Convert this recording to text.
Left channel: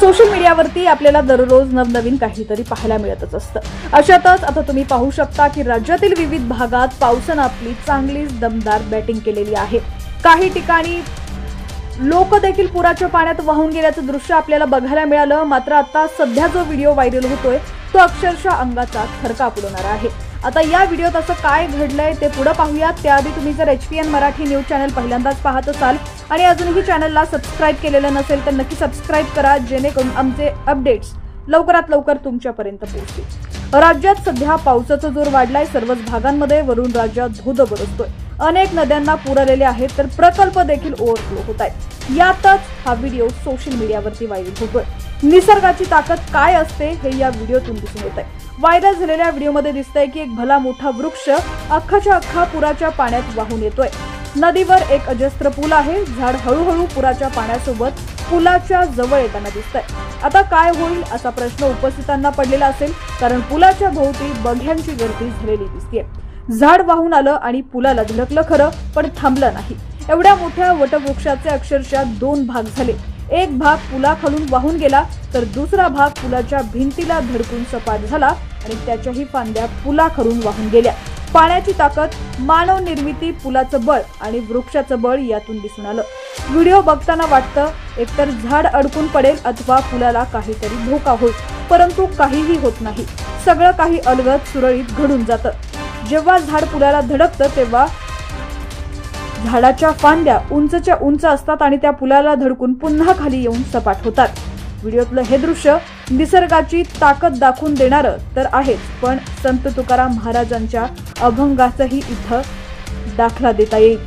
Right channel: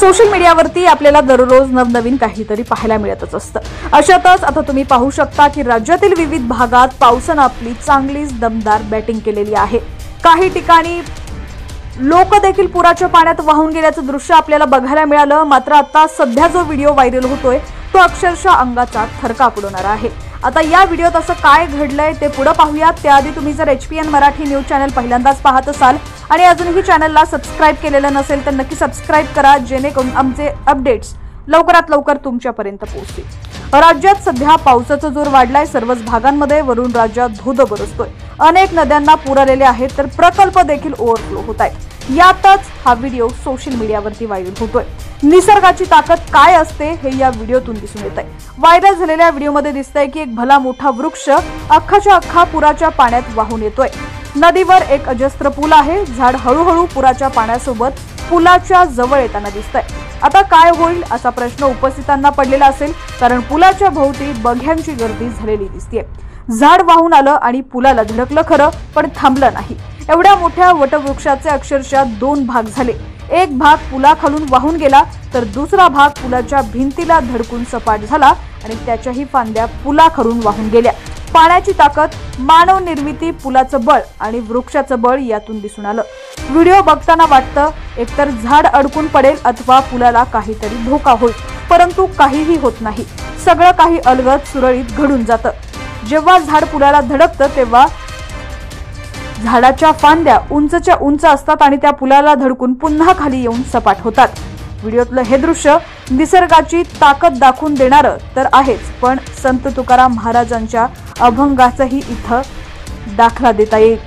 Social मीडियावरती आपल्याला दररोज नवनवीन काहीतरी पाहायला मिळतच असतं। अशातच आता तुम्ही पाहू शकता की राज्यातील विविध भागात पावसाने आपली चांगलीच दमदार बॅटिंग केलेली आहे। काही ठिकाणी लोक देखील पुराच्या पाण्यात वाहून गेल्याचं दृश्य आपल्याला बघायला मिळालं। मात्र आता सध्या जो व्हिडिओ व्हायरल होतोय तो अक्षरशः अंगाचा थरकाप उडवणारा आहे। आता या व्हिडिओत असं काय घडलंय ते पुढे पाहूयात। त्याआधी तुम्ही जर HPN मराठी न्यूज चॅनल पहिल्यांदाच पाहत असाल आणि अजूनही चॅनलला सबस्क्राइब केलेलं नसेल तर नक्की सबस्क्राइब करा, जेणेकरून आमचे अपडेट्स लवकरात लवकर तुमच्यापर्यंत पोहोचतील। राज्यात सध्या पावसाचा जोर वाढलाय। सर्वच भागांमध्ये वरून राज्यात धोधो बरसतोय। अनेक नद्यांना पूर आलेले आहेत तर प्रकल्प देखील ओव्हरफ्लो होत आहेत। यातच हा व्हिडिओ सोशल मीडियावरती व्हायरल होतोय। निसर्गाची ताकद काय असते हे या व्हिडिओतून दिसून येत आहे। व्हायरल झालेल्या व्हिडिओमध्ये दिसतंय की एक भला मोठा वृक्ष अख्खाच्या अख्खा पुराच्या पाण्यात वाहून येतोय। नदीवर एक अजस्त्र पूल आहे। झाड हळूहळू पुराच्या पाण्यासोबत पुलाच्या जवळ येताना दिसतंय। आता काय होईल असा प्रश्न उपस्थितांना पडलेला असेल, कारण पुलाच्या भोवती बघ्यांची गर्दी झालेली दिसतेय। झाड वाहून आलं आणि पुलाला धडकलं खरं, पण थांबलं नाही। एवढ्या मोठ्या वटवृक्षाचे अक्षरशः दोन भाग झाले। एक भाग पुलाखालून वाहून गेला तर दुसरा भाग पुलाच्या भिंतीला धडकून सपाट झाला आणि त्याच्याही फांद्या पुलाखालून वाहून गेल्या। पाण्याची ताकद, मानव निर्मिती, पुलाचं बळ आणि वृक्षाचं बळ यातून दिसून आलं। व्हिडिओ बघताना वाटतं एकतर झाड अडकून पडेल अथवा पुलाला काहीतरी धोका होईल, परंतु काहीही होत नाही। सगळं काही अलगद सुरळीत घडून जातं। जेव्हा झाड पुलाला धडकतं तेव्हा झाडाच्या फांद्या उंचच्या उंच असतात आणि त्या पुलाला धडकून पुन्हा खाली येऊन सपाट होतात। व्हिडिओतलं हे दृश्य निसर्गाची ताकद दाखवून देणारं तर आहेच, पण संत तुकाराम महाराजांच्या अभंगाचाही इथं दाखला देता येईल।